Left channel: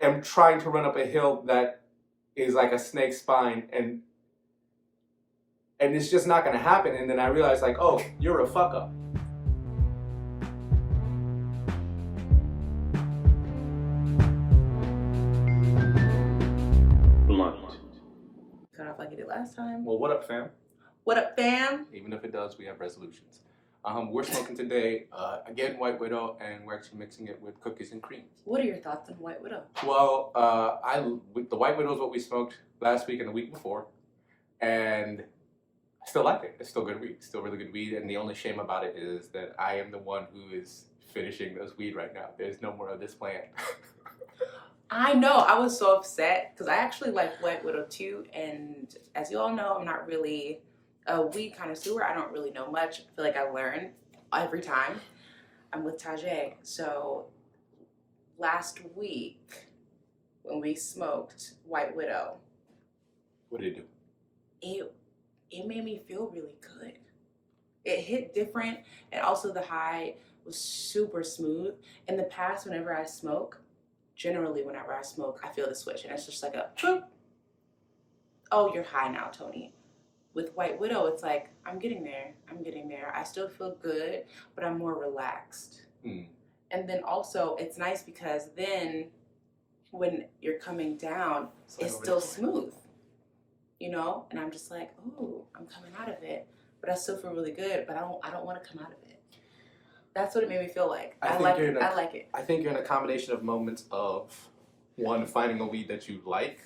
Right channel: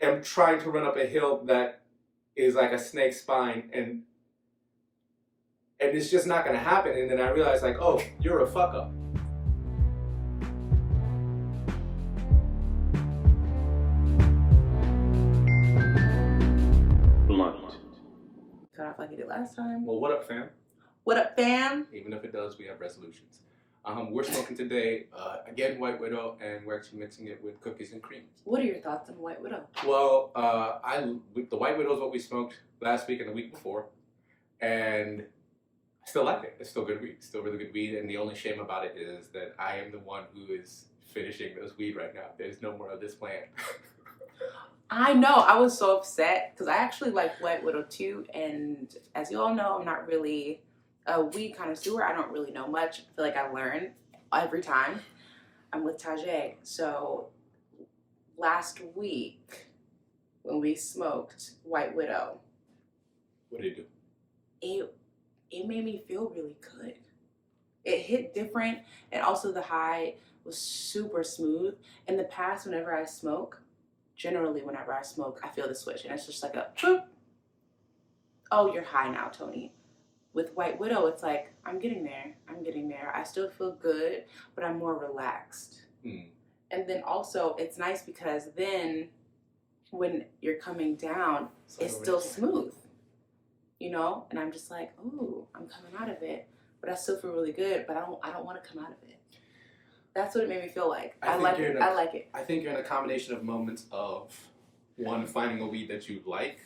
am trying to run up a hill that is like a snake spine, and it's just not going to happen. And then I realized, like, oh, you're a fuck up. Cut off like I did last time. Well, what up, fam? What up, fam? Even if it does, we have resolutions. We're smoking today, again, White Widow, and we're actually mixing it with cookies and cream. What are your thoughts on White Widow? Well, the White Widow is what we smoked last week and the week before, and I still like it. It's still good weed. Still really good weed, and the only shame about it is that I am the one who is finishing those weed right now. There's no more of this plant. I know. I was so upset because I actually like White Widow too, and as you all know, I'm not really a weed connoisseur. I don't really know much. I feel like I learn every time I'm with Tajay. So last week when we smoked White Widow, What did it do? It made me feel really good. It hit different, and also the high was super smooth. In the past, whenever I smoke, I feel the switch, and it's just like a boop. Oh, you're high now, Tony. With White Widow, it's like, I'm getting there. I still feel good, but I'm more relaxed. And then also, it's nice because then when you're coming down, it's still smooth, you know? And I'm just like, ooh, I'm coming out of it, but I still feel really good, but I don't want to come out of it. That's what it made me feel like. I like it. I think you're in a combination of moments of, one, finding a weed that you like,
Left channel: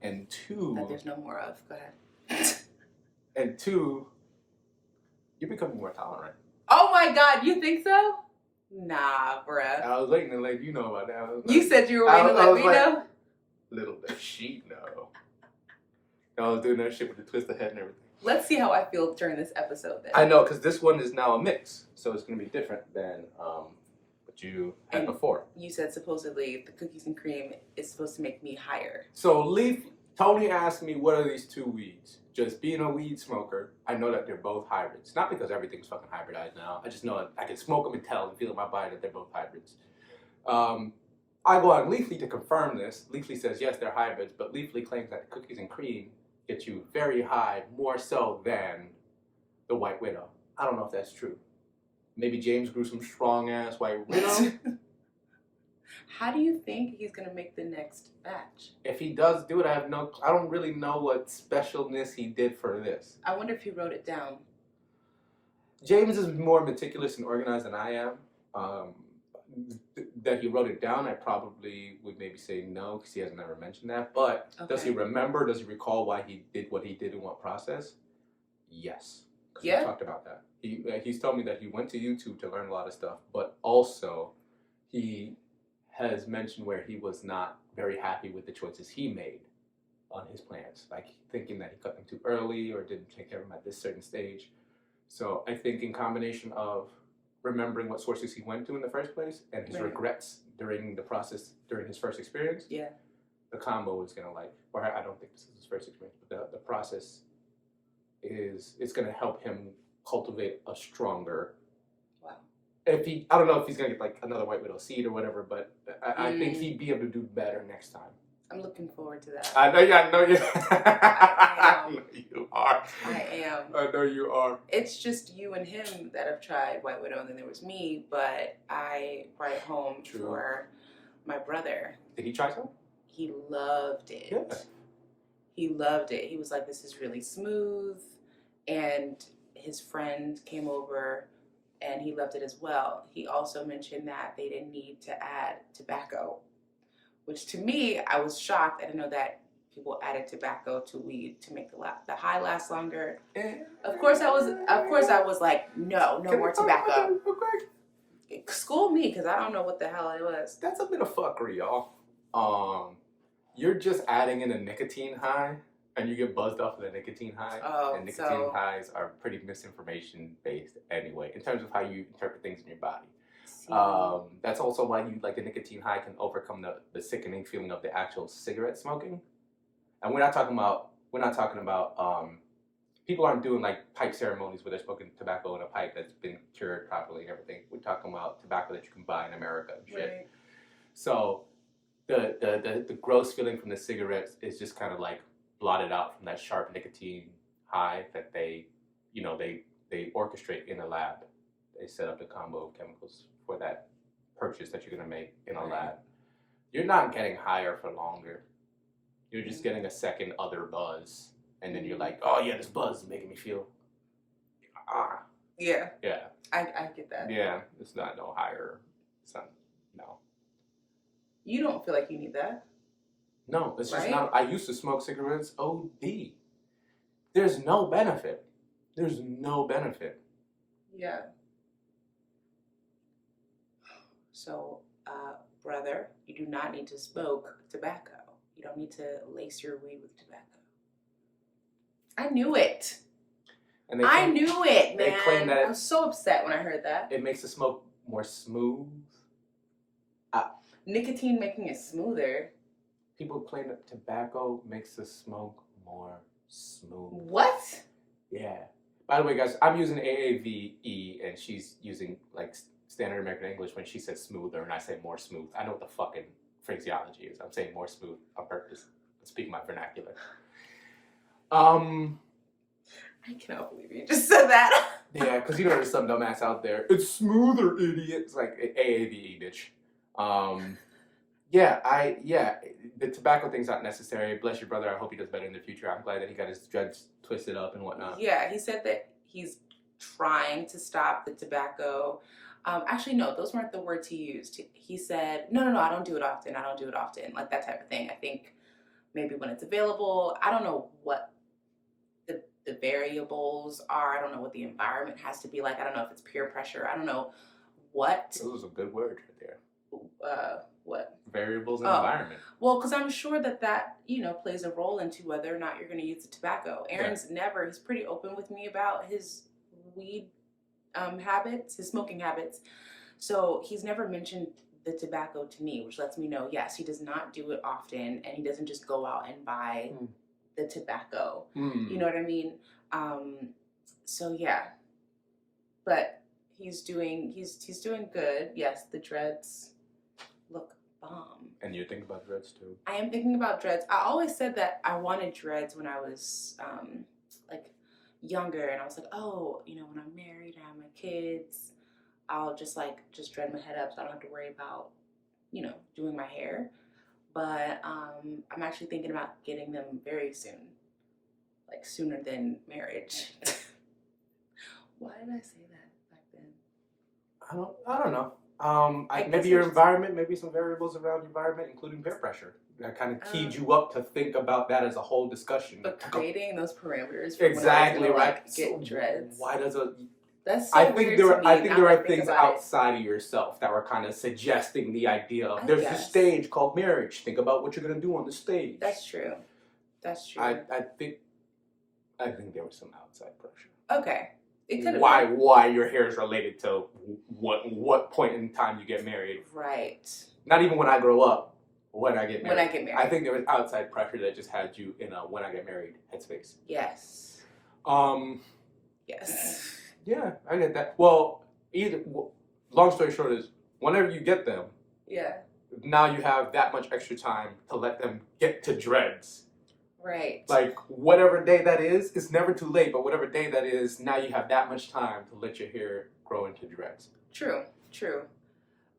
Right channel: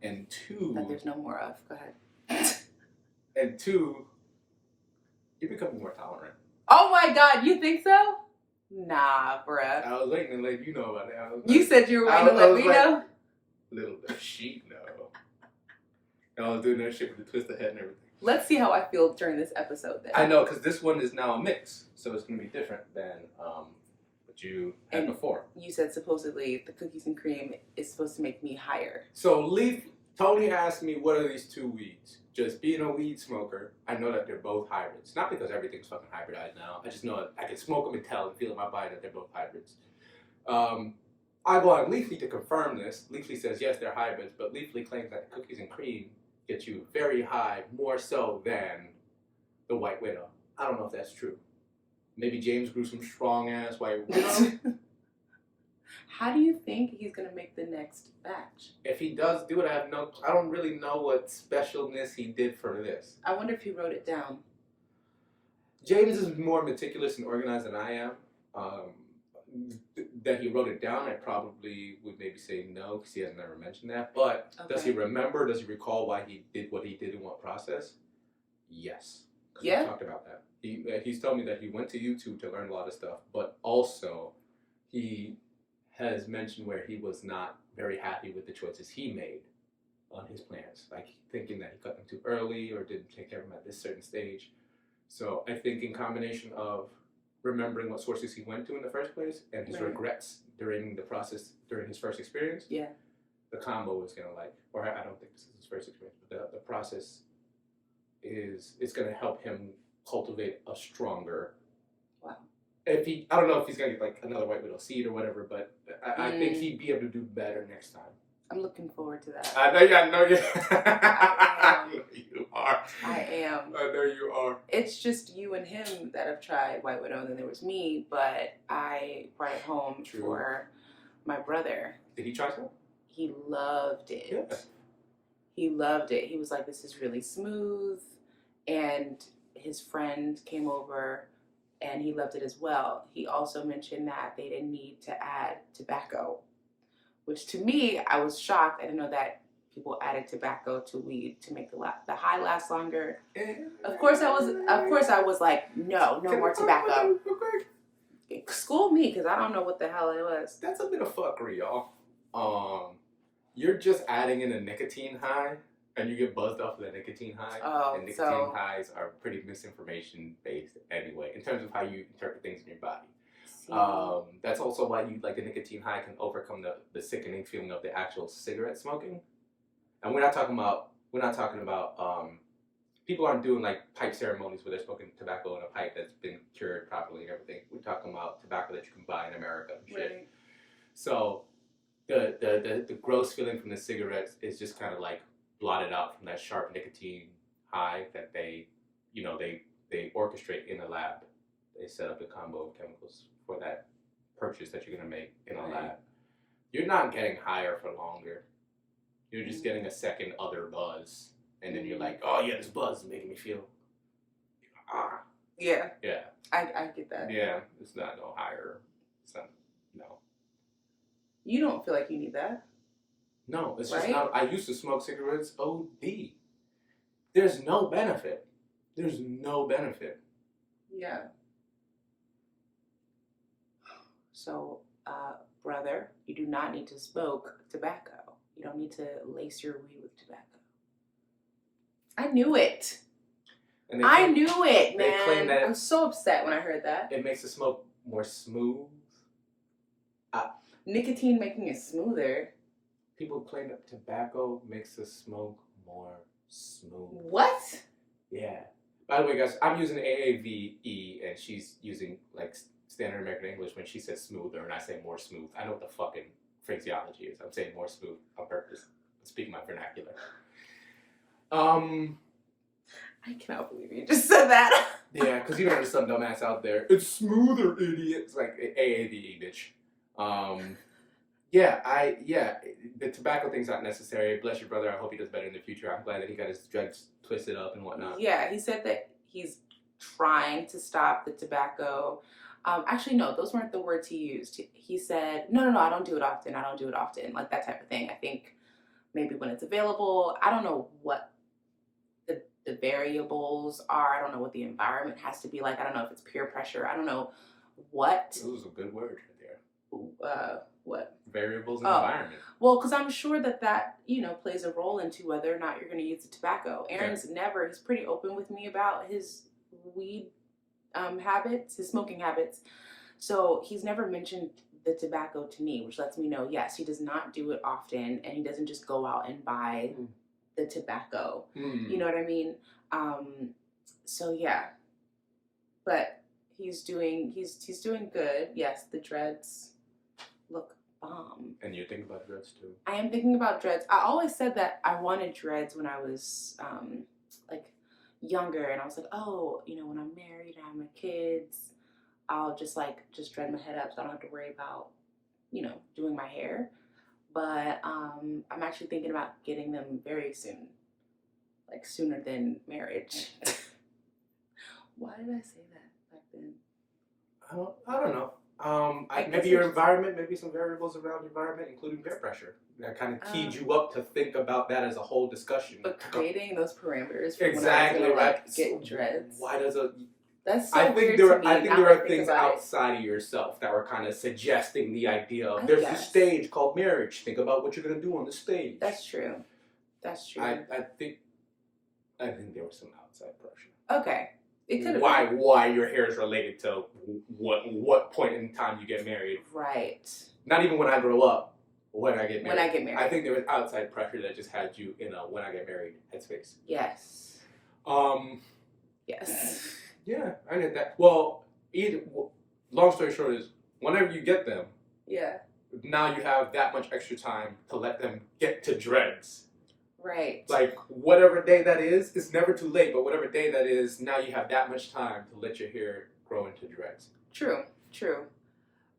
and two... that there's no more of. Go ahead. And two, you're becoming more tolerant. Oh my God, you think so? Nah, bruh. I was waiting to let you know about that. You said you were waiting to let me know? Little does she know. I was doing that shit with the twisted head and everything. Let's see how I feel during this episode then. I know, because this one is now a mix, so it's going to be different than what you had before. You said supposedly the cookies and cream is supposed to make me higher. So Tony asked me, what are these two weeds? Just being a weed smoker, I know that they're both hybrids. Not because everything's fucking hybridized now. I just know I can smoke them and tell and feel in my body that they're both hybrids. I go on Leafly to confirm this. Leafly says, yes, they're hybrids, but Leafly claims that cookies and cream get you very high, more so than the White Widow. I don't know if that's true. Maybe James grew some strong-ass White Widow. How do you think he's going to make the next batch? If he does do it, I don't really know what specialness he did for this. I wonder if he wrote it down. James is more meticulous and organized than I am. That he wrote it down, I probably would maybe say no, because he has never mentioned that. But Does he remember? Does he recall why he did what he did in what process? Yes. Yeah. We talked about that. He's told me that he went to YouTube to learn a lot of stuff, but also he has mentioned where he was not very happy with the choices he made on his plants, like thinking that he cut them too early or didn't take care of them at this certain stage. So I think in combination of remembering what sources he went to in the first place and his regrets during the process, during his first experience, the combo is going to or I don't think this is his first experience, but the process it's going to help him cultivate a stronger. Wow. I don't know if he's going to get another White Widow seed or whatever, but I think he'd be able to do better next time. I'm looking forward to that. I know you are. I am. I know you are. It's just you and him that have tried White Widow, and then there was me, but I brought it home for my brother. Did he try some? He loved it. Yeah. He loved it. He was like, this is really smooth. And his friend came over and he loved it as well. He also mentioned that they didn't need to add tobacco, which to me, I was shocked. I didn't know that people added tobacco to weed to make the high last longer. Of course I was like, no more tobacco. School me, because I don't know what the hell it was. That's a bit of fuckery, y'all. You're just adding in a nicotine high, and you get buzzed off of the nicotine high. Oh, and nicotine highs are pretty misinformation based anyway, in terms of how you interpret things in your body. That's also why the nicotine high can overcome the sickening feeling of the actual cigarette smoking. And we're not talking about people aren't doing pipe ceremonies where they're smoking tobacco in a pipe that's been cured properly and everything. We're talking about tobacco that you can buy in America and shit. Right. So the the gross feeling from the cigarettes is just kind of like blotted out from that sharp nicotine high that they orchestrate in the lab. They set up the combo of chemicals for that purchase that you're gonna make in a lab. You're not getting higher for longer. You're just getting a second other buzz, and then you're like, oh yeah, this buzz is making me feel. Yeah. Yeah. I get that. Yeah, it's not no higher. It's not, no. You don't feel like you need that. No, it's right? just not. I used to smoke cigarettes OD. There's no benefit. There's no benefit. Yeah. So, brother, you do not need to smoke tobacco. You don't need to lace your weed with tobacco. I knew it. And I knew it, they claim man. that I was so upset when I heard that. it makes the smoke more smooth. Nicotine making it smoother. People claim that tobacco makes the smoke more smooth. What? Yeah. By the way, guys, I'm using AAVE, and she's using like standard American English when she says smoother, and I say more smooth. I know what the fucking phraseology is. I'm saying more smooth on purpose. I'm speaking my vernacular. I cannot believe you just said that. Yeah, because there's some dumbass out there. It's smoother, idiot. It's like AAVE, bitch. The tobacco thing's not necessary. Bless your brother. I hope he does better in the future. I'm glad that he got his dreads twisted up and whatnot. Yeah, he said that he's trying to stop the tobacco. Actually, no, those weren't the words he used. He said, no, I don't do it often. I don't do it often. Like that type of thing. I think maybe when it's available. I don't know what the variables are. I don't know what the environment has to be like. I don't know if it's peer pressure. I don't know what. Those are a good word right there. What? Variables in environment. Well, because I'm sure that plays a role into whether or not you're going to use the tobacco. Aaron's he's pretty open with me about his weed habits, his smoking habits. So he's never mentioned the tobacco to me, which lets me know, yes, he does not do it often, and he doesn't just go out and buy the tobacco. You know what I mean? So yeah, but he's doing good. Yes, the dreads look bomb. And you're thinking about dreads too? I am thinking about dreads. I always said that I wanted dreads when I was like younger, and I was like, oh, when I'm married and I have my kids, I'll just dread my head up so I don't have to worry about doing my hair. But I'm actually thinking about getting them very soon, like sooner than marriage. Why did I say that back then? I don't know. Maybe your environment, maybe some variables around your environment, including peer pressure. That kind of keyed you up to think about that as a whole discussion. But creating those parameters for exactly when I was right. Get dreads. Why does That's so weird to me. I think there are things outside of yourself that were kind of suggesting the idea of there's a stage called marriage. Think about what you're gonna do on the stage. That's true. I think there was some outside pressure. Okay. It could have why your hair is related to what point in time you get married. Right. Not even when I grow up, when I get married. When I get married. I think there was outside pressure that just had you in a when I get married headspace. Yes. Yes. Yeah, I get that. Well, long story short is, whenever you get them, now you have that much extra time to let them get to dreads. Right. Like, whatever day that is, it's never too late, but whatever day that is, now you have that much time to let your hair grow into dreads. True.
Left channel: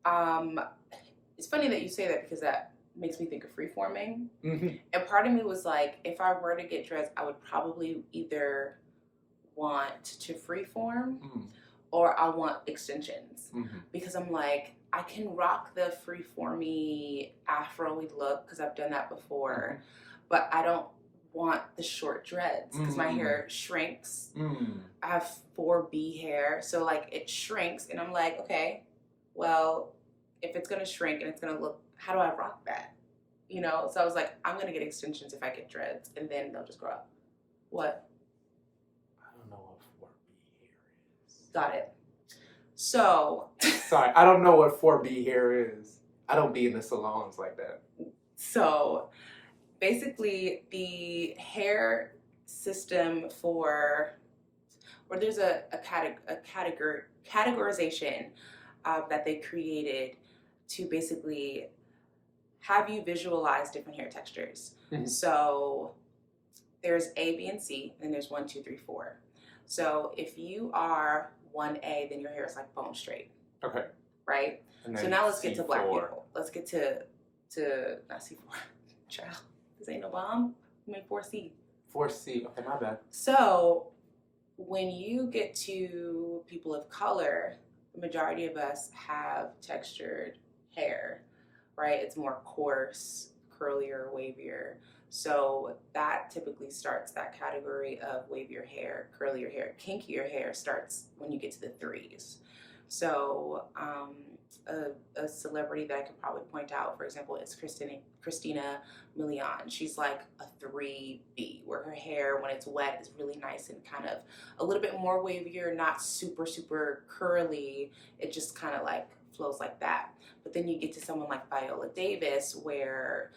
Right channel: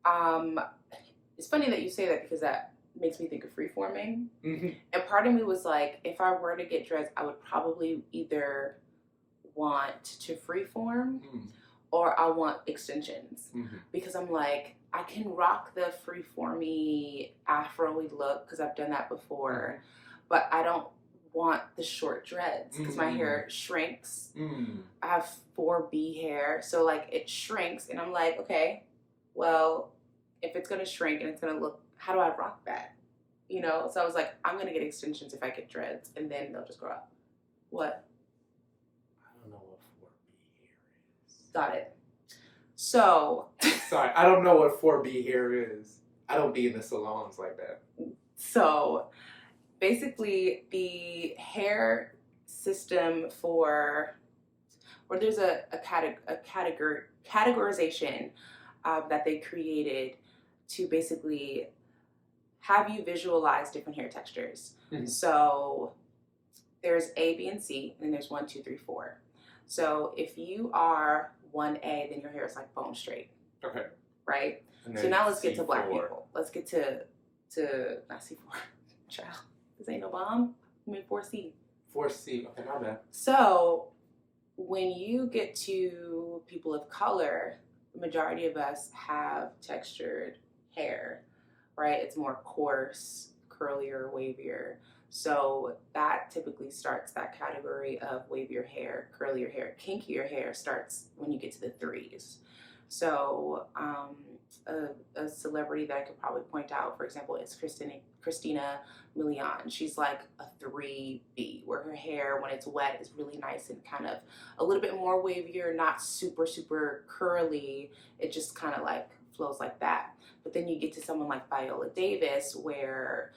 It's funny that you say that because that makes me think of freeforming. Mm-hmm. And part of me was like, if I were to get dreads, I would probably either want to freeform or I want extensions. Mm-hmm. Because I'm like, I can rock the freeformy afro-y look because I've done that before. Mm-hmm. But I don't want the short dreads because my hair shrinks. I have 4B hair, so like it shrinks, and I'm like, okay, well, if it's gonna shrink and it's gonna look, how do I rock that? So I was like, I'm gonna get extensions if I get dreads, and then they'll just grow up. What? I don't know what 4B hair is. Got it. So. Sorry, I don't know what 4B hair is. I don't be in the salons like that. So. Basically, the hair system or there's a categorization that they created to basically have you visualize different hair textures. So there's A, B, and C, and then there's 1, 2, 3, 4. So if you are 1A, then your hair is like bone straight. Okay. Right? So now let's get to black people. Let's get to not C4. Child. This ain't no bomb. I mean 4C. 4C. Okay, my bad. So when you get to people of color, the majority of us have textured hair, right? It's more coarse, curlier, wavier. So that typically starts that category of wavier hair, curlier hair. Kinkier hair starts when you get to the 3s. So a celebrity that I could probably point out, for example, is Christina Milian. She's like a 3B, where her hair, when it's wet, is really nice and kind of a little bit more wavier, not super, super curly. It just kind of like flows like that. But then you get to someone like Viola Davis, where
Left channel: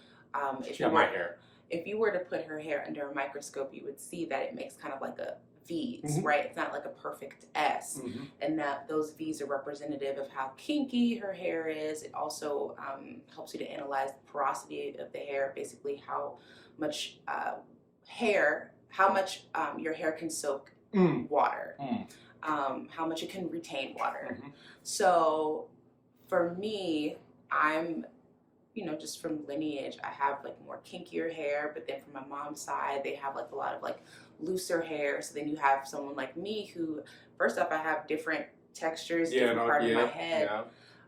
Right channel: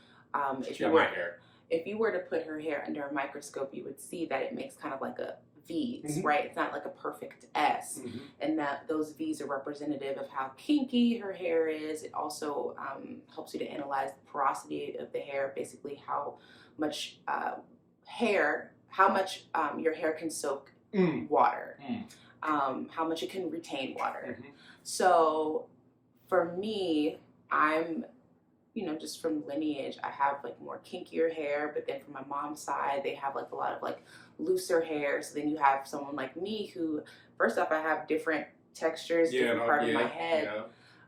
if you were to put her hair under a microscope, you would see that it makes kind of like a V's, right? It's not like a perfect S, and that those V's are representative of how kinky her hair is. It also helps you to analyze the porosity of the hair, basically how much your hair can soak water, how much it can retain water. So for me, I'm, just from lineage, I have like more kinkier hair, but then from my mom's side, they have like a lot of like looser hair. So then you have someone like me who, first off, I have different textures, different part of my head.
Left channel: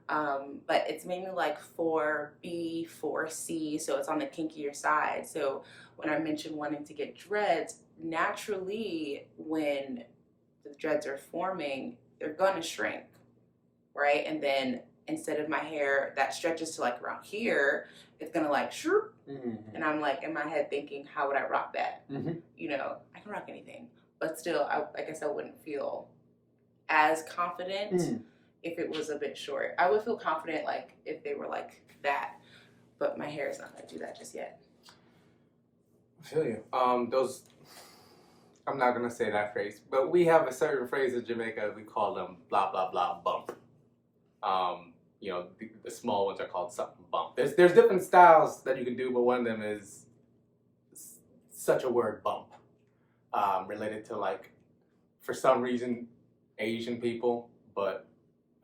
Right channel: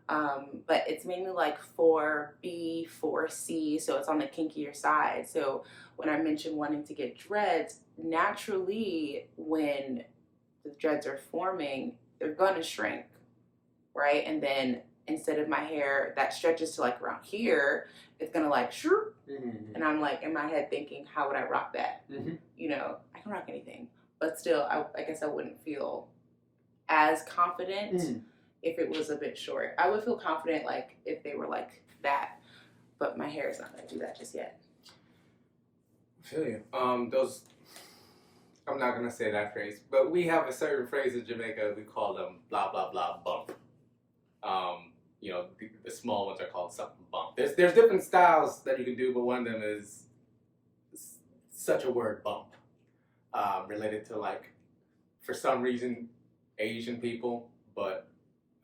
But it's mainly like 4B, 4C, so it's on the kinkier side. So when I mentioned wanting to get dreads, naturally when the dreads are forming, they're gonna shrink, right? And then instead of my hair that stretches to like around here, it's gonna like shroop. And I'm like in my head thinking, how would I rock that? I can rock anything, but still, I guess I wouldn't feel as confident if it was a bit short. I would feel confident like if they were like that, but my hair is not gonna do that just yet. I feel you. I'm not gonna say that phrase, but we have a certain phrase in Jamaica. We call them blah blah blah bump. The small ones are called something bump. There's different styles that you can do, but one of them is such a word bump, related to like, for some reason, Asian people, but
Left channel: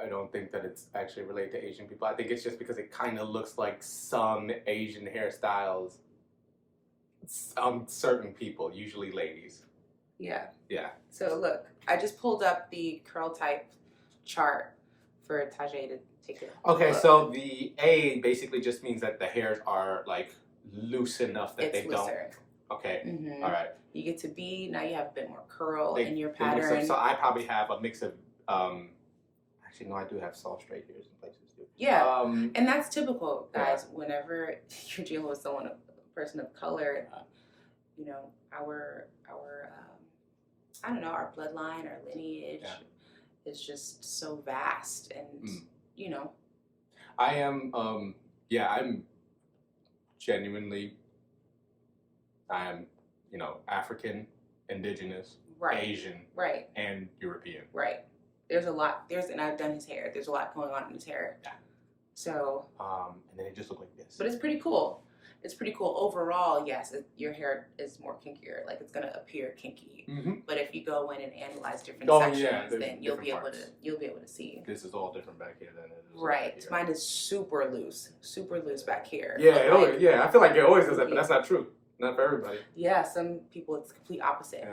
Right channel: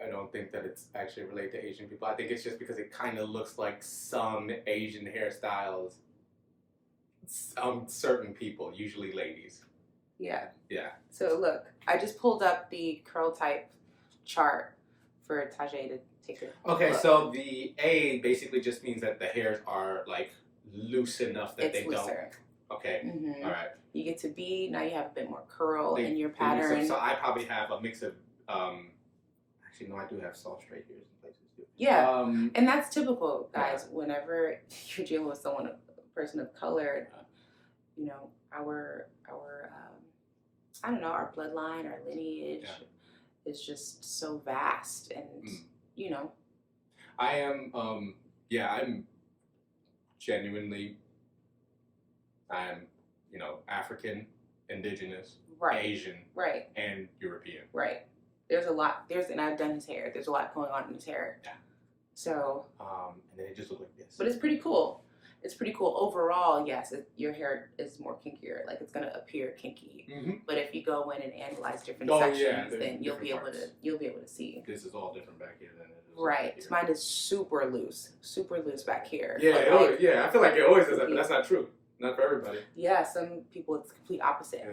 I don't think that it's actually related to Asian people. I think it's just because it kind of looks like some Asian hairstyles, certain people, usually ladies. Yeah. Yeah. So look, I just pulled up the curl type chart for Tajay to take it. Okay, so the A basically just means that the hairs are like loose enough that they looser. Don't. Okay. All right. You get to B, now you have a bit more curl in your pattern. So I probably have a mix of. Actually, no, I do have soft straight hairs in places too. Yeah, and that's typical, guys. Yeah. Whenever you're dealing with a person of color, our I don't know, our bloodline, our lineage is just so vast, and I am I'm genuinely, I am African, indigenous, Asian, and European. Right. There's a lot. And I've done his hair. There's a lot going on in his hair. Yeah. So. And then it just looked like this. But it's pretty cool. It's pretty cool overall. Yes, your hair is more kinkier. Like, it's gonna appear kinky. But if you go in and analyze different sections, then you'll be able to see. This is all different back here than it is. Right. Mine is super loose back here. Yeah. I feel like it always does that, but that's not true. Not for everybody. Yeah. Some people it's complete opposite.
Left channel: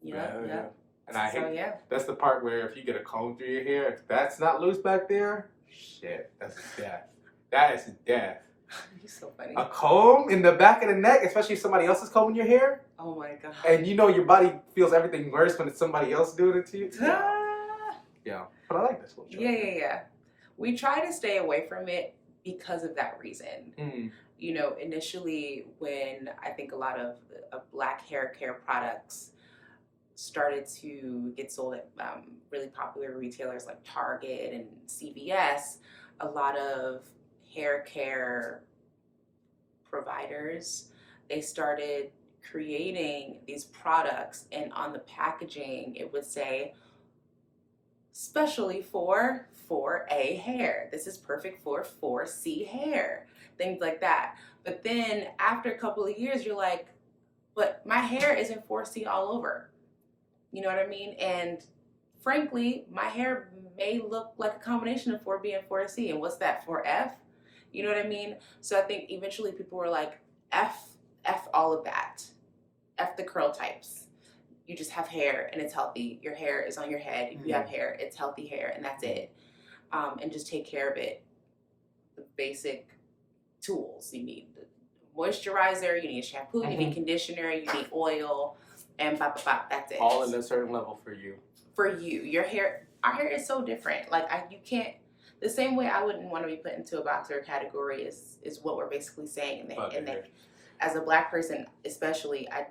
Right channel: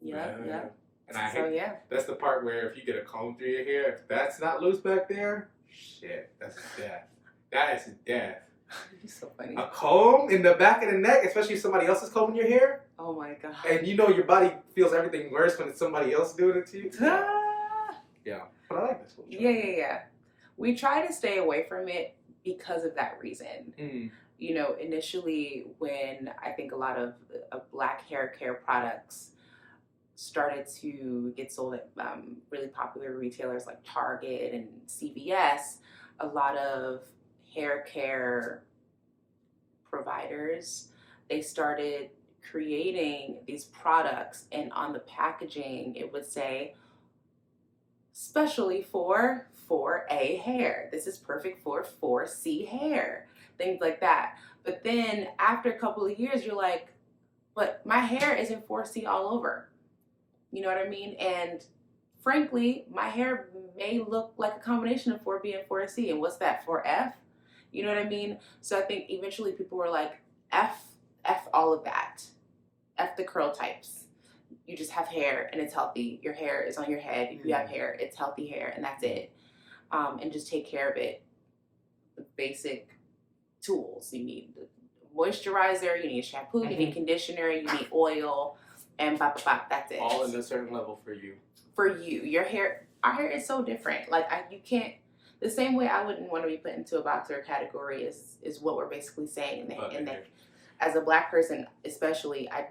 Yeah. And I hate that's the part where if you get a comb through your hair, if that's not loose back there, shit, that's death. That is death. You're so funny. A comb in the back of the neck, especially if somebody else is combing your hair. Oh my god. And your body feels everything worse when it's somebody else doing it to you. Yeah. But I like this one. Yeah. We try to stay away from it because of that reason. Initially when I think a lot of black hair care products started to get sold at really popular retailers like Target and CVS, a lot of hair care providers, they started creating these products, and on the packaging it would say specially for 4A hair. This is perfect for 4C hair. things like that. But then after a couple of years, you're like, but my hair isn't 4C all over. You know what I mean? And frankly, my hair may look like a combination of 4B and 4C. And what's that, 4F? You know what I mean? So I think eventually people were like, F all of that. F the curl types. You just have hair and it's healthy. Your hair is on your head. If you have hair, it's healthy hair and that's it. And just take care of it. The basic tools. You need the moisturizer, you need shampoo, you need conditioner, you need oil, and bop, bop, bop, that's it. All in a certain level for you. For you. Your hair, our hair is so different. Like, you can't, the same way I wouldn't want to be put into a boxer category is what we're basically saying. And that as a Black person, especially, I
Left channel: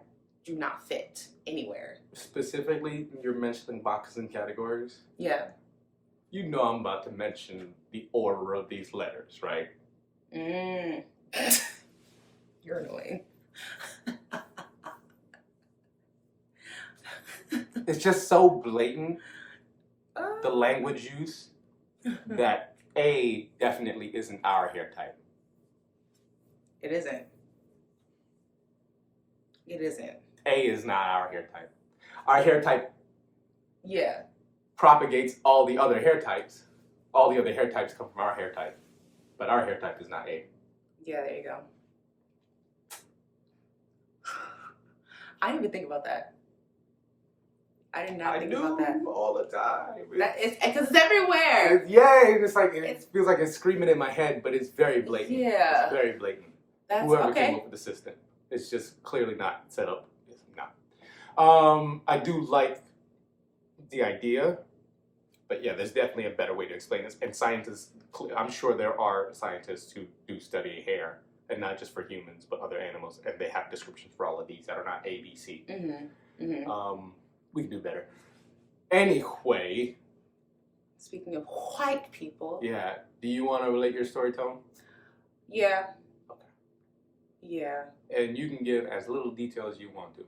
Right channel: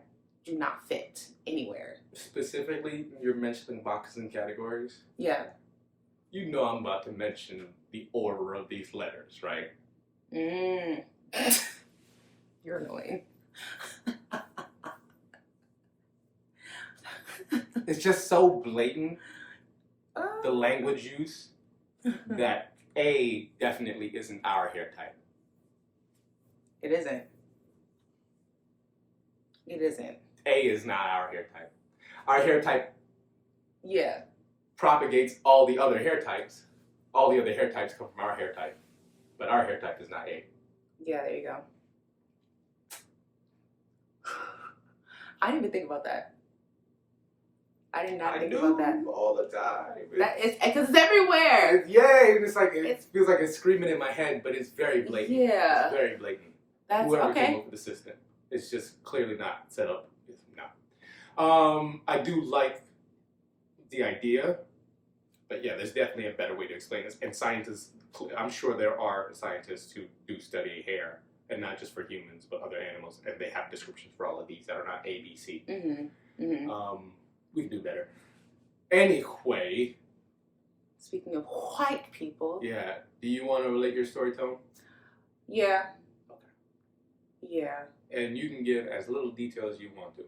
do not fit anywhere. Specifically, you're mentioning boxing categories. Yeah. You know I'm about to mention the order of these letters, right? You're annoying. It's just so blatant, the language use, that A definitely isn't our hair type. It isn't. It isn't. A is not our hair type. Our hair type propagates all the other hair types. All the other hair types come from our hair type. But our hair type is not A. Yeah, there you go. I didn't even think about that. I did not think about that. All the time. That is because it's everywhere. It's like it feels like it's screaming in my head, but it's very blatant. Yeah. It's very blatant. That's Whoever okay. came up with the system. It's just clearly not set up. It's not. I do like the idea, but yeah, there's definitely a better way to explain this. And scientists, I'm sure there are scientists who do study hair, and not just for humans, but other animals, and they have descriptions for all of these that are not A, B, C. We can do better. Anyway. Speaking of white people. Yeah. Do you want to relate your story, Tone? Yeah. Okay. Yeah. And you can give as little detail as you want to.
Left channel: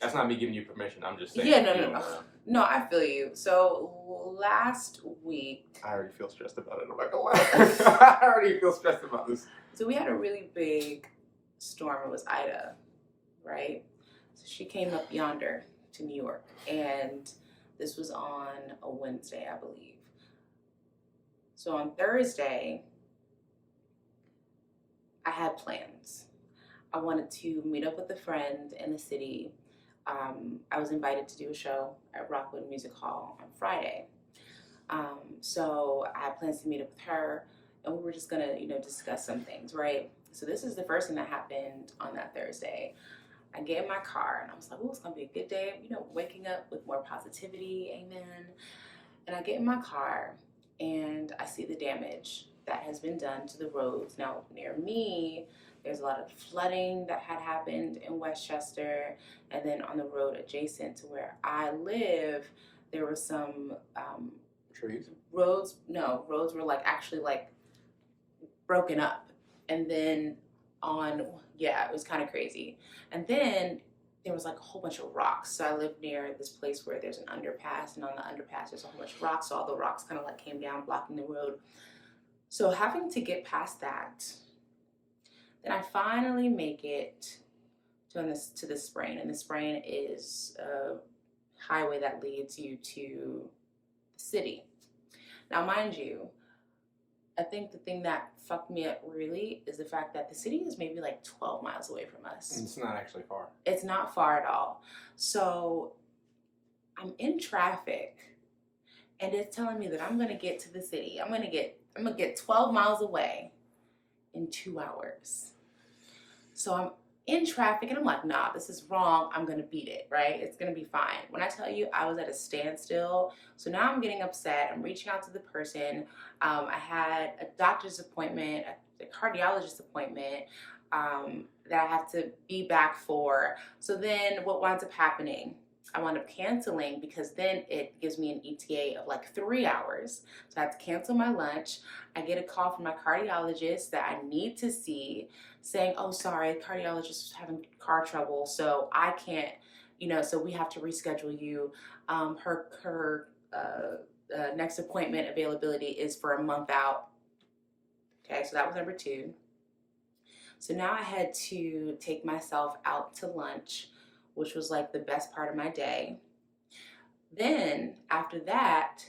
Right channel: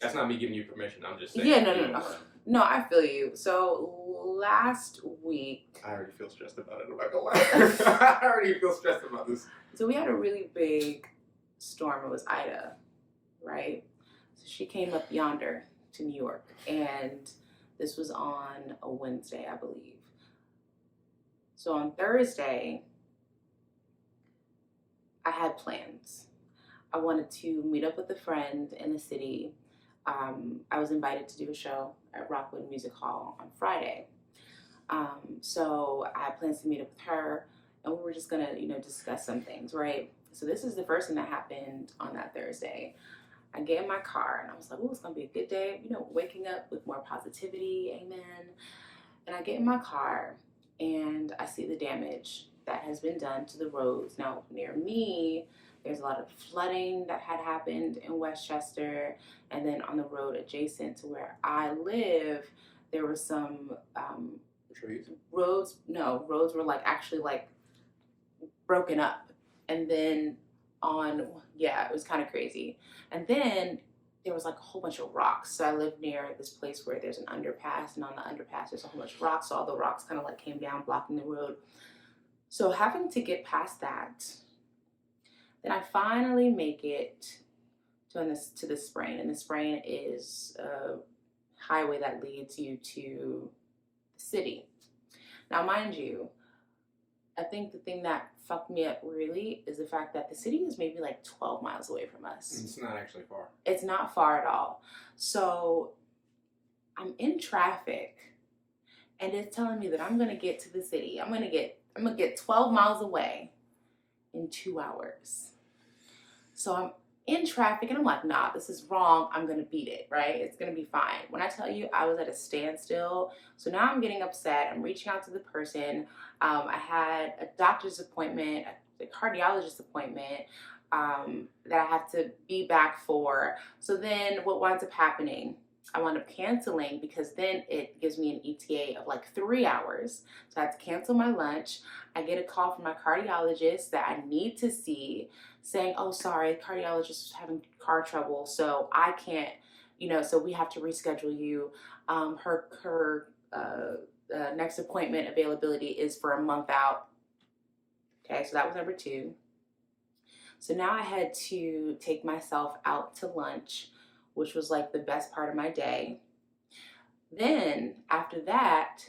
That's not me giving you permission. I'm just saying. Yeah, no. No, I feel you. So last week. I already feel stressed about it. I'm not gonna lie. I already feel stressed about this. So we had a really big storm. It was Ida, right? So she came up yonder to New York, and this was on a Wednesday, I believe. So on Thursday, I had plans. I wanted to meet up with a friend in the city. I was invited to do a show at Rockwood Music Hall on Friday. So I had plans to meet up with her, and we were just gonna, discuss some things, right? So this is the first thing that happened on that Thursday. I get in my car and I was like, oh, it's gonna be a good day, waking up with more positivity, amen. And I get in my car and I see the damage that has been done to the roads. Now, near me, there's a lot of flooding that had happened in Westchester, and then on the road adjacent to where I live, there were some trees. Roads were actually broken up, and then it was kind of crazy. And then there was a whole bunch of rocks. So I live near this place where there's an underpass, and on the underpass there's a whole bunch of rocks. So all the rocks kind of came down, blocking the road. So having to get past that, then I finally make it to the Sprain, and the Sprain is a highway that leads you to the city. Now, mind you, I think the thing that fucked me up really is the fact that the city is maybe 12 miles away from us. It's not actually far. It's not far at all. So I'm in traffic, and it's telling me that I'm gonna get to the city. I'm gonna get 12 miles away in 2 hours. So I'm in traffic, and I'm like, nah, this is wrong. I'm gonna beat it, right? It's gonna be fine. When I tell you I was at a standstill, so now I'm getting upset. I'm reaching out to the person. I had a doctor's appointment, a cardiologist appointment that I have to be back for. So then what winds up happening, I wound up canceling, because then it gives me an ETA of 3 hours. So I have to cancel my lunch. I get a call from my cardiologist that I need to see, saying, oh, sorry, cardiologist is having car trouble, so I can't, so we have to reschedule you. Her next appointment availability is for a month out. Okay, so that was number 2. So now I had to take myself out to lunch, which was like the best part of my day. Then after that,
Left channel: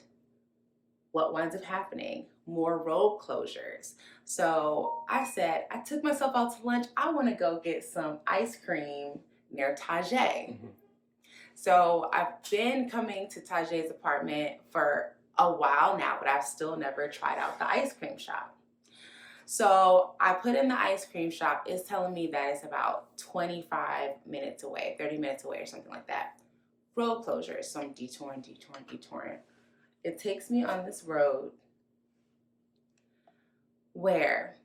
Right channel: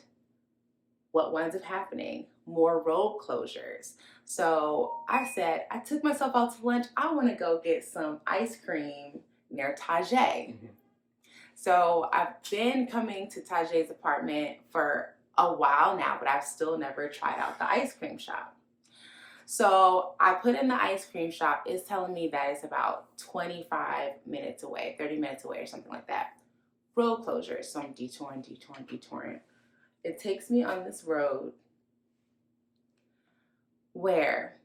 what winds up happening? More road closures. So I said, I took myself out to lunch. I want to go get some ice cream near Tajay. So I've been coming to Tajay's apartment for a while now, but I've still never tried out the ice cream shop. So I put in the ice cream shop. It's telling me that it's about 25 minutes away, 30 minutes away or something like that. Road closures. So I'm detouring. It takes me on this road where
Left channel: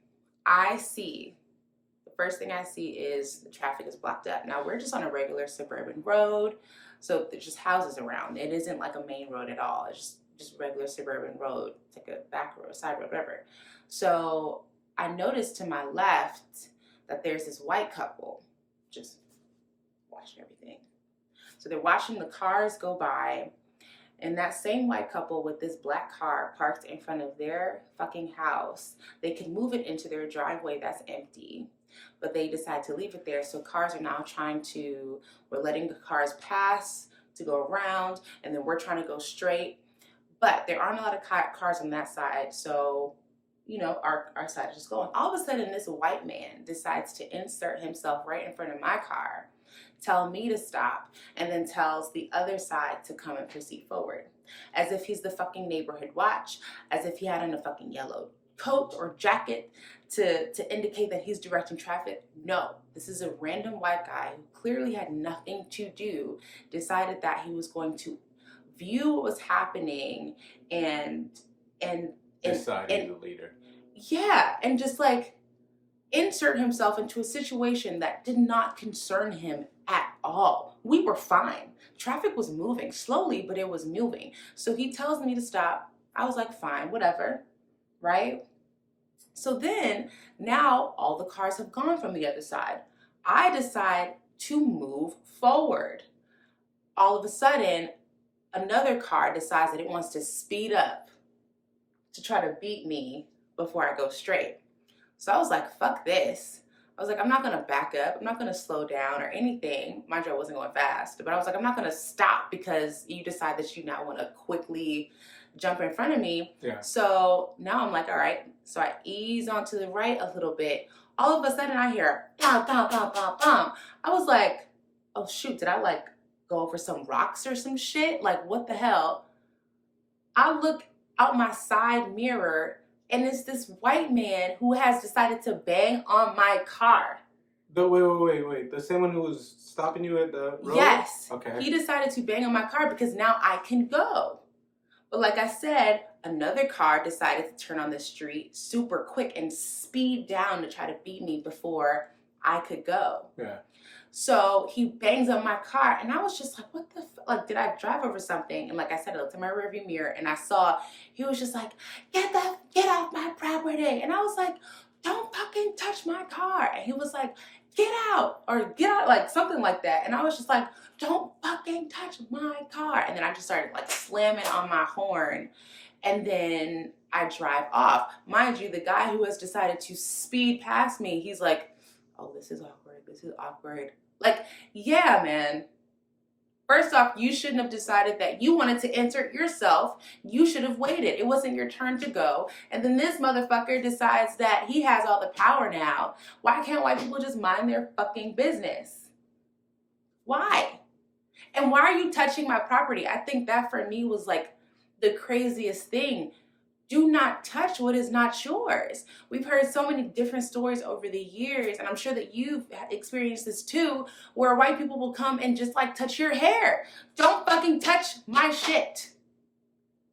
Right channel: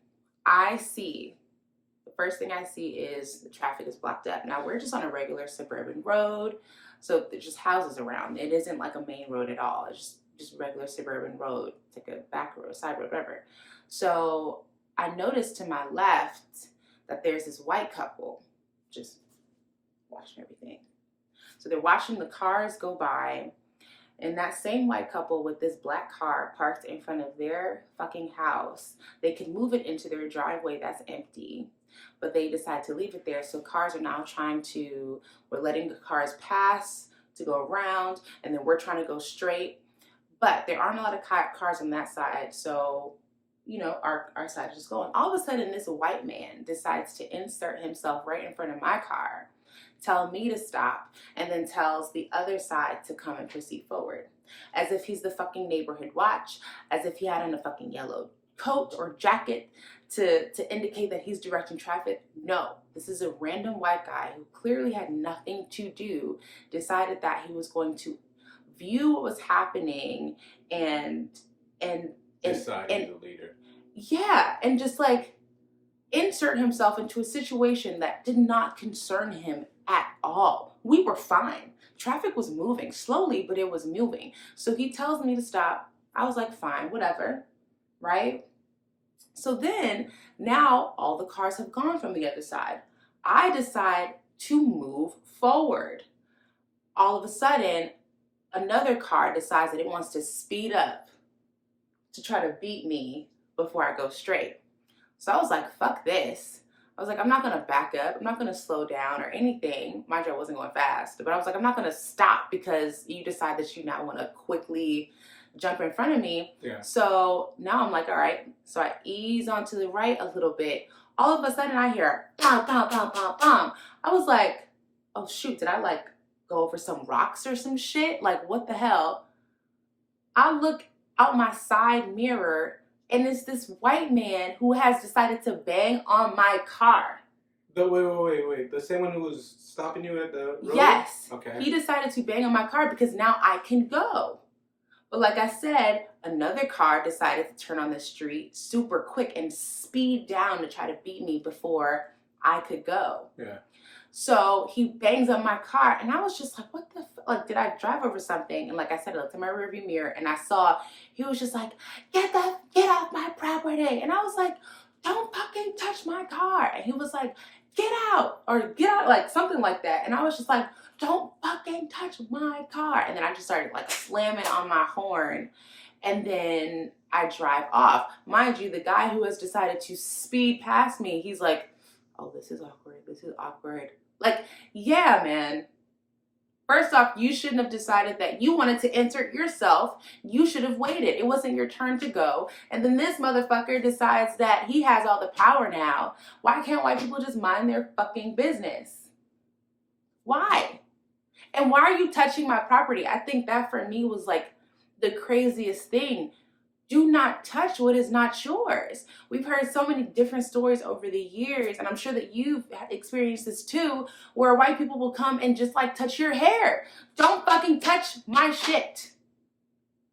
I see, the first thing I see is the traffic is blocked up. Now we're just on a regular suburban road, so there's just houses around. It isn't like a main road at all. It's just regular suburban road. It's like a back road, side road, whatever. So I noticed to my left that there's this white couple just watching everything. So they're watching the cars go by. And that same white couple with this black car parked in front of their fucking house, they could move it into their driveway that's empty, but they decide to leave it there. So cars are now we're letting the cars pass to go around, and then we're trying to go straight. But there aren't a lot of cars on that side, so, our side is just going. All of a sudden, this white man decides to insert himself right in front of my car, tell me to stop, and then tells the other side to come and proceed forward. As if he's the fucking neighborhood watch, as if he had on a fucking yellow coat or jacket to indicate that he's directing traffic. No, this is a random white guy who clearly had nothing to do, decided that he was going to view what was happening and deciding the leader. Yeah, and just like insert himself into a situation that did not concern him at all. We were fine. Traffic was moving slowly, but it was moving. So he tells me to stop. I was like, fine, whatever, right? So then now all the cars have gone from the other side. I decide to move forward. All of a sudden, another car decides that it wants to speed up to try to beat me before I go straight. So I was like, fuck this. I was like, I'm not going to back up. I'm not going to slow down or anything. Mind you, I wasn't going fast. But I was like, I'm not going to stop because you decide that you now want to quickly jump in front of me. Yeah. So now I'm like, all right. So I ease onto the right a little bit. All of a sudden I hear, bam, bam, bam, bam, bam. I was like, oh, shoot. Did I like go over some rocks or some shit? Like, what the hell? I look out my side mirror, and it's this white man who has decided to bang on my car. Wait. The same one who was stopping you at the road? Yes. Okay. He decided to bang on my car because now I can go. But like I said, another car decided to turn on the street super quick and speed down to try to beat me before I could go. Yeah. So he bangs on my car, and I was just like, what the like, did I drive over something? And like I said, I looked in my rearview mirror, and I saw he was just like, get off my property. And I was like, don't fucking touch my car. And he was like, get out, like something like that. And I was just like, don't fucking touch my car. And then I just started like slamming on my horn, and then I drive off. Mind you, the guy who has decided to speed past me, he's like, oh, this is awkward. Like, yeah, man. First off, you shouldn't have decided that you wanted to insert yourself. You should have waited. It wasn't your turn to go. And then this motherfucker decides that he has all the power now. Why can't white people just mind their fucking business? Why? And why are you touching my property? I think that for me was like the craziest thing. Do not touch what is not yours. We've heard so many different stories over the years, and I'm sure that you've experienced this too, where white people will come and just like touch your hair. Don't fucking touch my shit.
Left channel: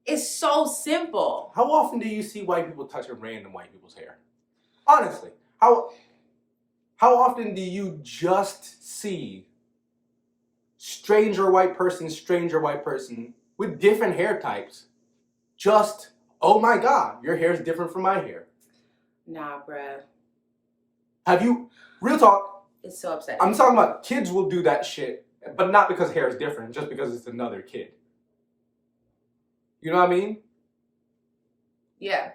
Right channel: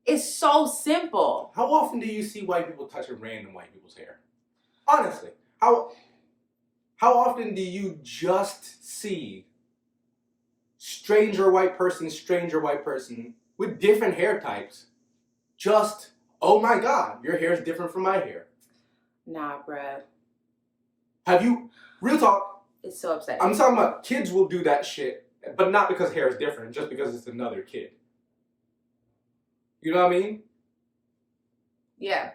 It's so simple. How often do you see white people touching random white people's hair? Honestly, how often do you just see stranger white person with different hair types just, oh my God, your hair is different from my hair? Nah, bruh. Have you, real talk, It's so upsetting. I'm talking about kids will do that shit, but not because hair is different, just because it's another kid. You know what I mean? Yeah.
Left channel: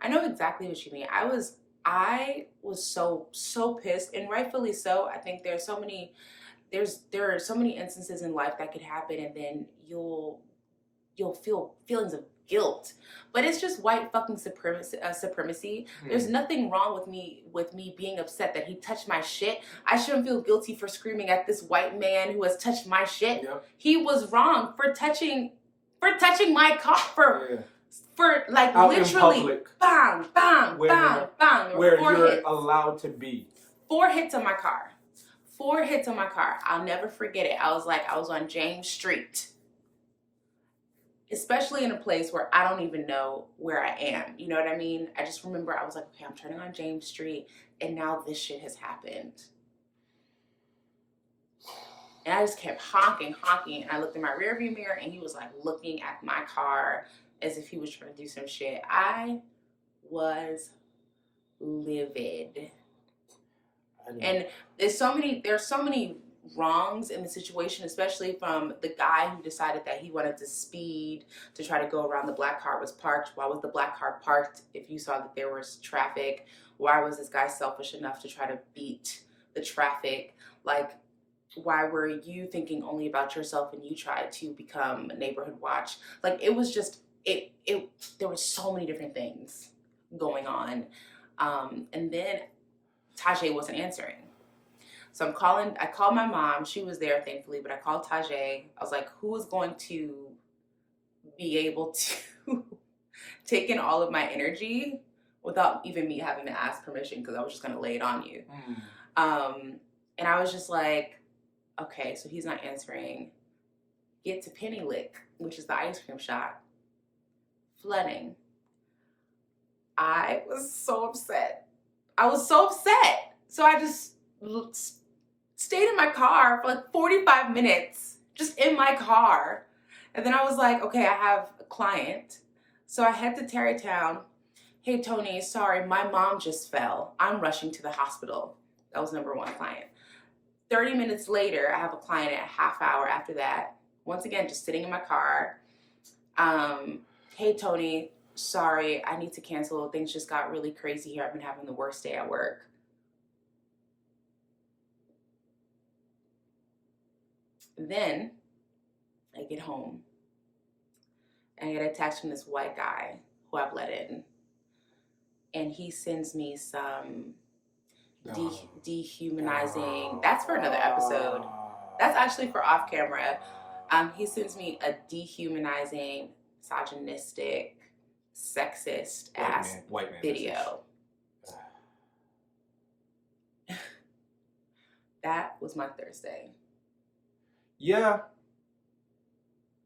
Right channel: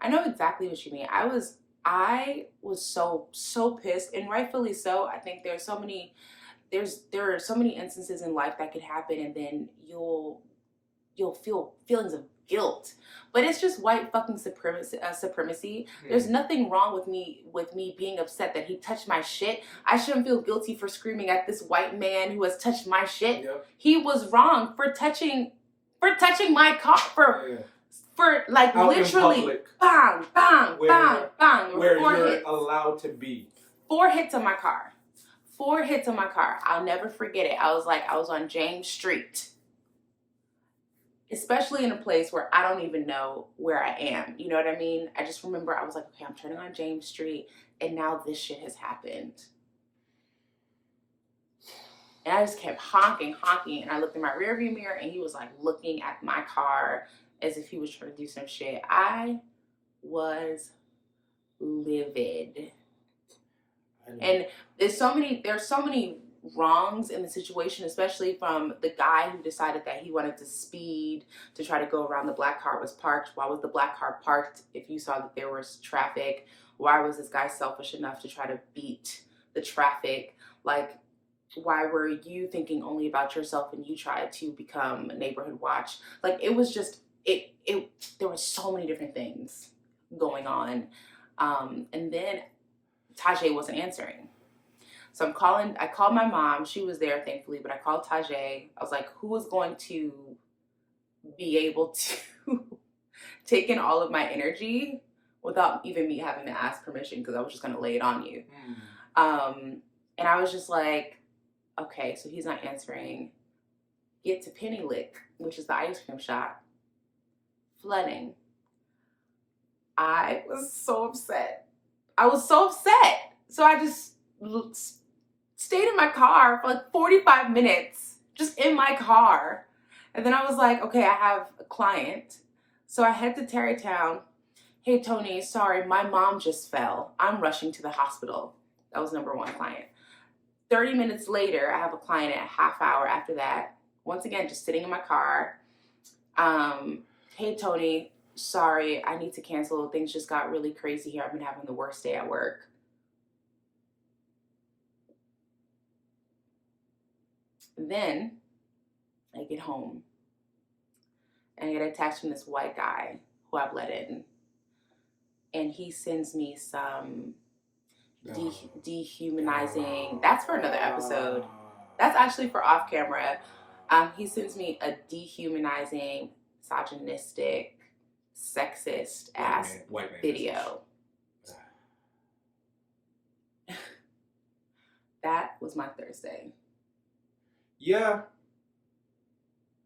I know exactly what you mean. I was I was so pissed, and rightfully so. I think there are so many instances in life that could happen, and then you'll feel feelings of guilt. But it's just white fucking supremacy. There's nothing wrong with me being upset that he touched my shit. I shouldn't feel guilty for screaming at this white man who has touched my shit. Yep. He was wrong for touching my car for like Out literally in public, bang bang bang bang. There were where 4 you're hits. allowed to be. 4 hits on my car. 4 hits on my car. I'll never forget it. I was on James Street. Especially in a place where I don't even know where I am. You know what I mean? I just remember I was like, okay, I'm turning on James Street, and now this shit has happened. And I just kept honking, and I looked in my rearview mirror, and he was like looking at my car as if he was trying to do some shit. I was livid. And there's so many wrongs in the situation, especially from the guy who decided that he wanted to speed to try to go around the black car was parked. Why was the black car parked if you saw that there was traffic? Why was this guy selfish enough to try to beat the traffic? Like, why were you thinking only about yourself and you tried to become a neighborhood watch? Like, it was just there were so many different things going on. And then Tajay wasn't answering. So I called my mom. She was there, thankfully, but I called Tajay. I was like, who is going to be able to take in all of my energy without even me having to ask permission, because I was just going to lay it on you. And I was just like, okay, so he's not answering. Get to Penny Lick, which is the ice cream shop. Flooding. I was so upset. So I just stayed in my car for like 45 minutes, just in my car. And then I was like, okay, I have a client. So I head to Tarrytown. Hey, Tony, sorry, my mom just fell. I'm rushing to the hospital. That was number 1 client. 30 minutes later, I have a client at a half hour after that. Once again, just sitting in my car. Hey, Tony, sorry, I need to cancel. Things just got really crazy here. I've been having the worst day at work. Then I get home and I get a text from this white guy who I've let in. And he sends me some dehumanizing. That's for another episode. That's actually for off camera. He sends me a dehumanizing, misogynistic, sexist ass white man video. That was my Thursday. Yeah.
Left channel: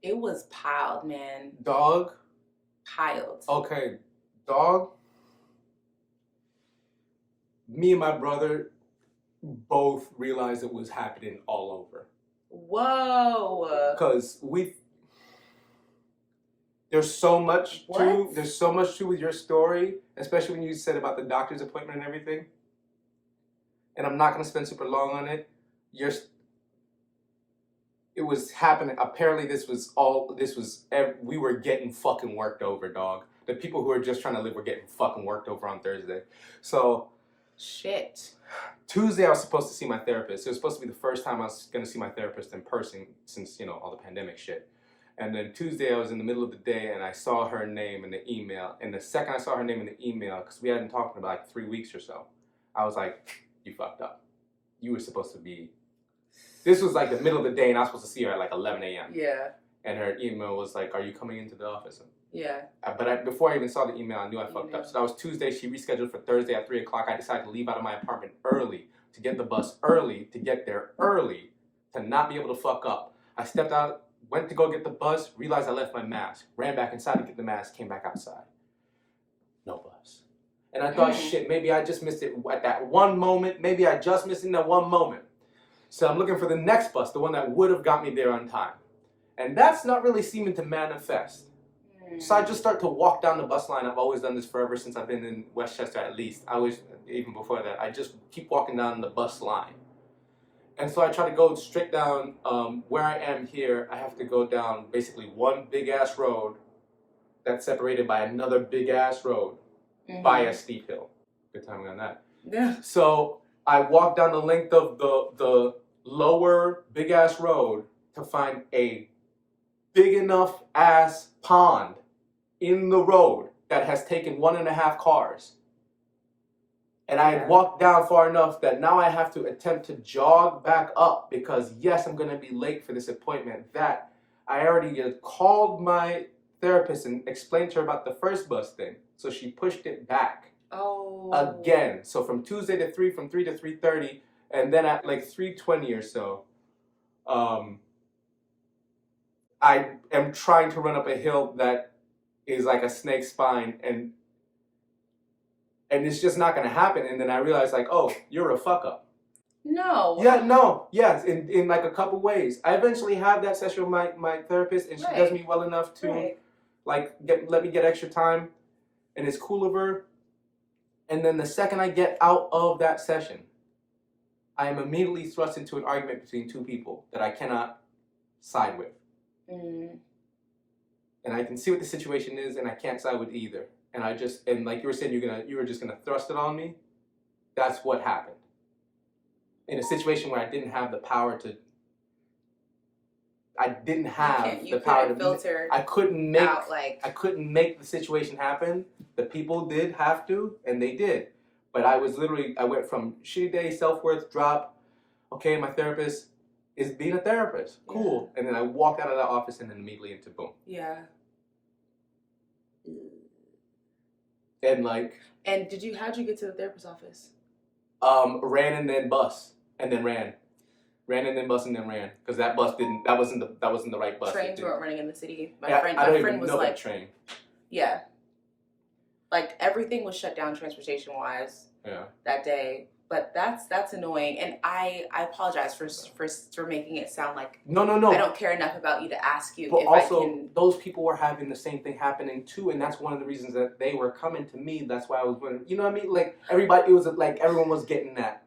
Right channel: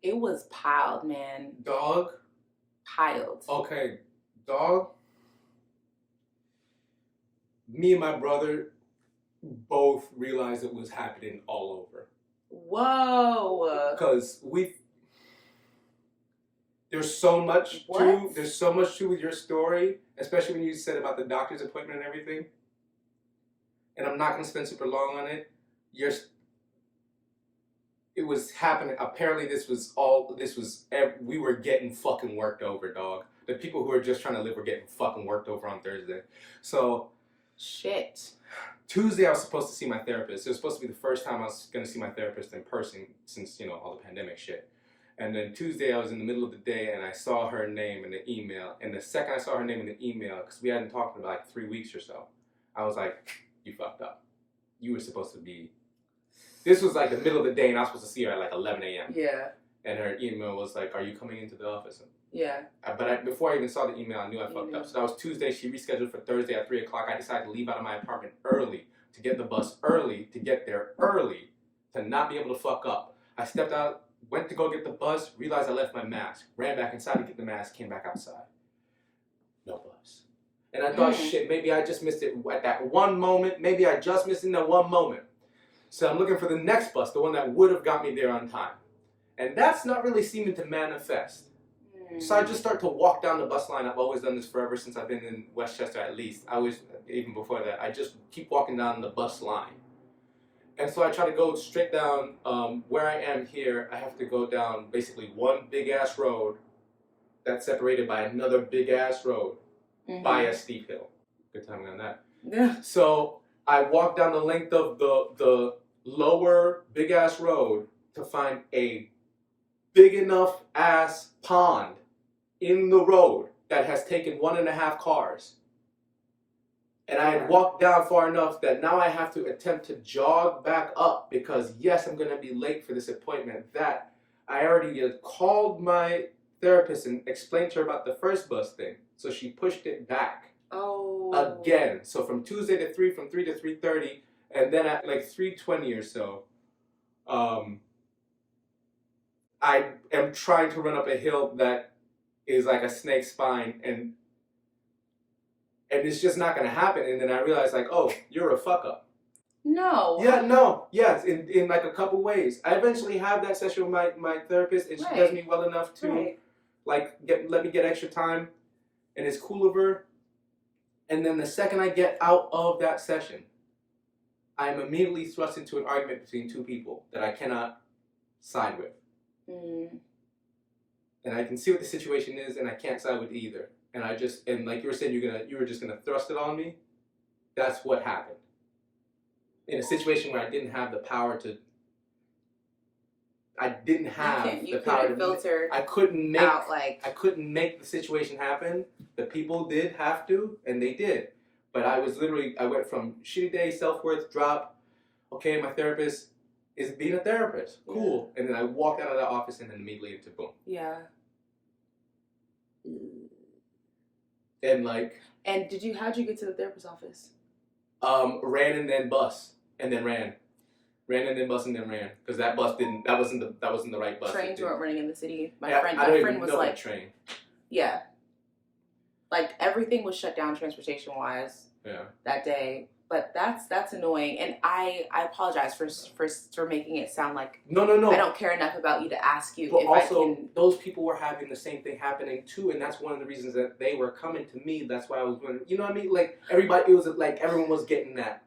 It was piled, man. Dog. Piled. Okay, dog. Me and my brother both realized it was happening all over. Whoa. Because there's so much to with your story, especially when you said about the doctor's appointment and everything. And I'm not going to spend super long on it. It was happening. Apparently, we were getting fucking worked over, dog. The people who are just trying to live were getting fucking worked over on Thursday. So, shit. Tuesday, I was supposed to see my therapist. It was supposed to be the first time I was going to see my therapist in person since, all the pandemic shit. And then Tuesday, I was in the middle of the day, and I saw her name in the email. And the second I saw her name in the email, because we hadn't talked in about like 3 weeks or so, I was like, you fucked up. You were supposed to be... This was like the middle of the day, and I was supposed to see her at like 11 a.m. Yeah. And her email was like, are you coming into the office? Yeah. But before I even saw the email, I knew I fucked up. So that was Tuesday. She rescheduled for Thursday at 3 o'clock. I decided to leave out of my apartment early, to get the bus early, to get there early, to not be able to fuck up. I stepped out, went to go get the bus, realized I left my mask, ran back inside to get the mask, came back outside. No bus. And I thought, shit, maybe I just missed it at that one moment. Maybe I just missed it in that one moment. So I'm looking for the next bus, the one that would have got me there on time. And that's not really seeming to manifest. So I just start to walk down the bus line. I've always done this forever since I've been in Westchester at least. Even before that, I just keep walking down the bus line. And so I try to go straight down where I am here. I have to go down basically one big ass road that's separated by another big ass road by a steep hill. Good timing on that. Yeah. So I walked down the length of the lower big ass road to find a big enough ass pond in the road that has taken 1.5 cars. And I had walked down far enough that now I have to attempt to jog back up because, yes, I'm going to be late for this appointment. That I already had called my therapist and explained to her about the first bus thing. So she pushed it back again. So from Tuesday to 3, from 3 to 3:30, and then at like 3:20 or so, I am trying to run up a hill that is like a snake spine, and it's just not going to happen. And then I realized, like, oh, you're a fuck up. No. Yeah, no, yes, in like a couple ways. I eventually have that session with my therapist, and she does me well enough to like let me get extra time, and it's cool of her. And then the second I get out of that session, I am immediately thrust into an argument between two people that I cannot side with. And I can see what the situation is, and I can't side with either. And and like you were saying, you were just gonna thrust it on me. That's what happened. In a situation where I didn't have the power to. I didn't have the power to filter. I couldn't make the situation happen. The people did have to, and they did. But I went from shitty day, self-worth drop. Okay, my therapist is being a therapist. Cool. Yeah. And then I walked out of the office and then immediately into boom. Yeah. And like. And how'd you get to the therapist's office? Ran and then bus. And then ran. Ran and then bus and then ran. Because that wasn't the right bus. Trains weren't running in the city. My friend was like. Train. Yeah. Like everything was shut down transportation wise. Yeah. That day. But that's annoying, and I apologize for making it sound like no. I don't care enough about you to ask you. But if also, I can... those people were having the same thing happening too, and that's one of the reasons that they were coming to me. That's why I was going. You know what I mean? Like everybody, it was like everyone was getting that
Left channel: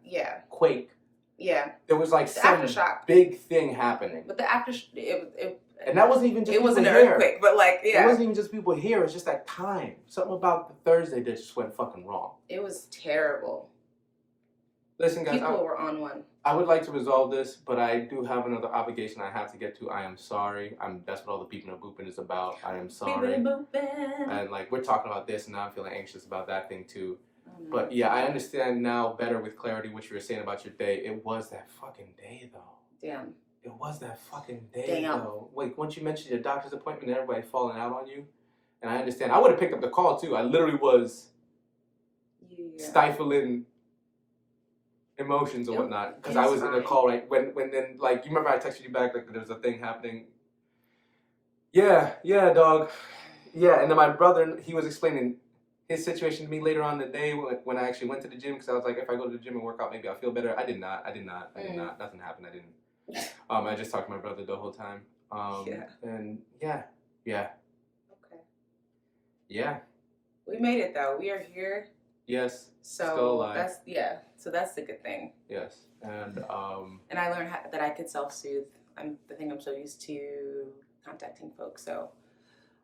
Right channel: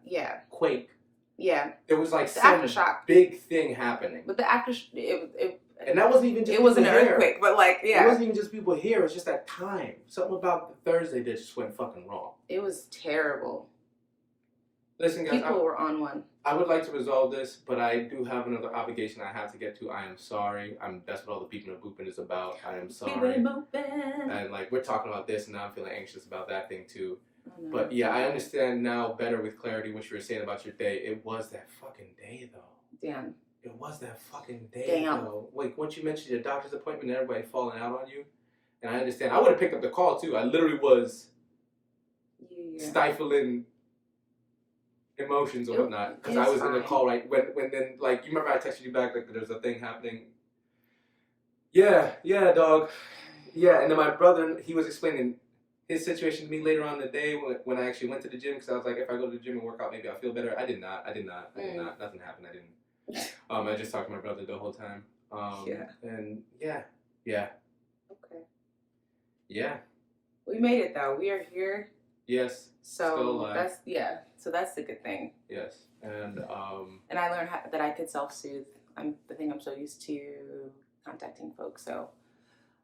quake. Yeah. There was like the some aftershock. Big thing happening. But the it and that wasn't even just. It wasn't an earthquake, but like It wasn't even just people here. It's just that time. Something about the Thursday that just went fucking wrong. It was terrible. Listen, guys. People were on one. I would like to resolve this, but I do have another obligation I have to get to. I am sorry. That's what all the people in the booping is about. I am sorry. And like we're talking about this, and now I'm feeling anxious about that thing too. But yeah, I understand now better with clarity what you were saying about your day. It was that fucking day, though. Damn. It was that fucking day, though. Like once you mentioned your doctor's appointment and everybody falling out on you, and I understand. I would have picked up the call too. I literally was stifling emotions or whatnot because I was in a call right when then like you remember I texted you back like there's a thing happening. Yeah, dog. Yeah, and then my brother, he was explaining his situation to me later on in the day when I actually went to the gym because I was like, if I go to the gym and work out, maybe I'll feel better. I did not. Nothing happened. I didn't. I just talked to my brother the whole time. And yeah. Okay. Yeah. We made it though. We are here. Yes. So still alive. that's the good thing. Yes. And I learned that I could self-soothe. I'm so used to contacting folks. So,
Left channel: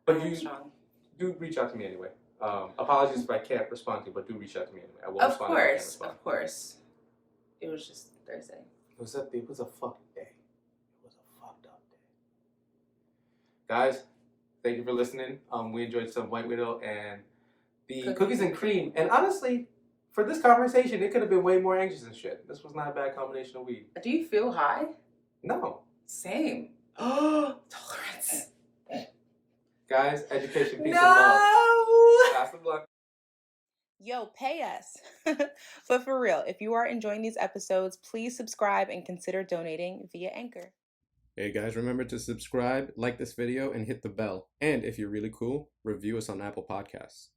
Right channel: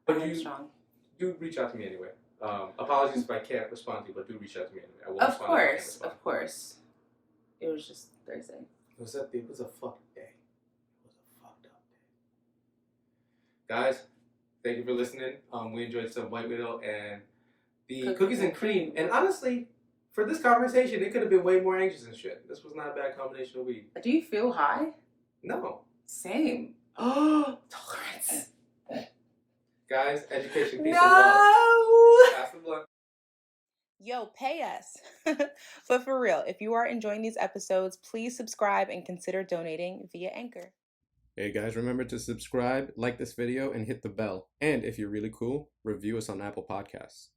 but do reach out to me anyway. Apologies if I can't respond to you, but do reach out to me anyway. I won't of course. It was just Thursday. It was a fucked day. It was a fucked up day. Guys, thank you for listening. We enjoyed some White Widow and the cookies and cream. And honestly, for this conversation, it could have been way more anxious and shit. This was not a bad combination of weed. Do you feel high? No. Same. Oh, tolerance. Guys, education, peace, and love. Pass the blunt. Yo, pay us. But for real, if you are enjoying these episodes, please subscribe and consider donating via Anchor. Hey guys, remember to subscribe, like this video, and hit the bell. And if you're really cool, review us on Apple Podcasts.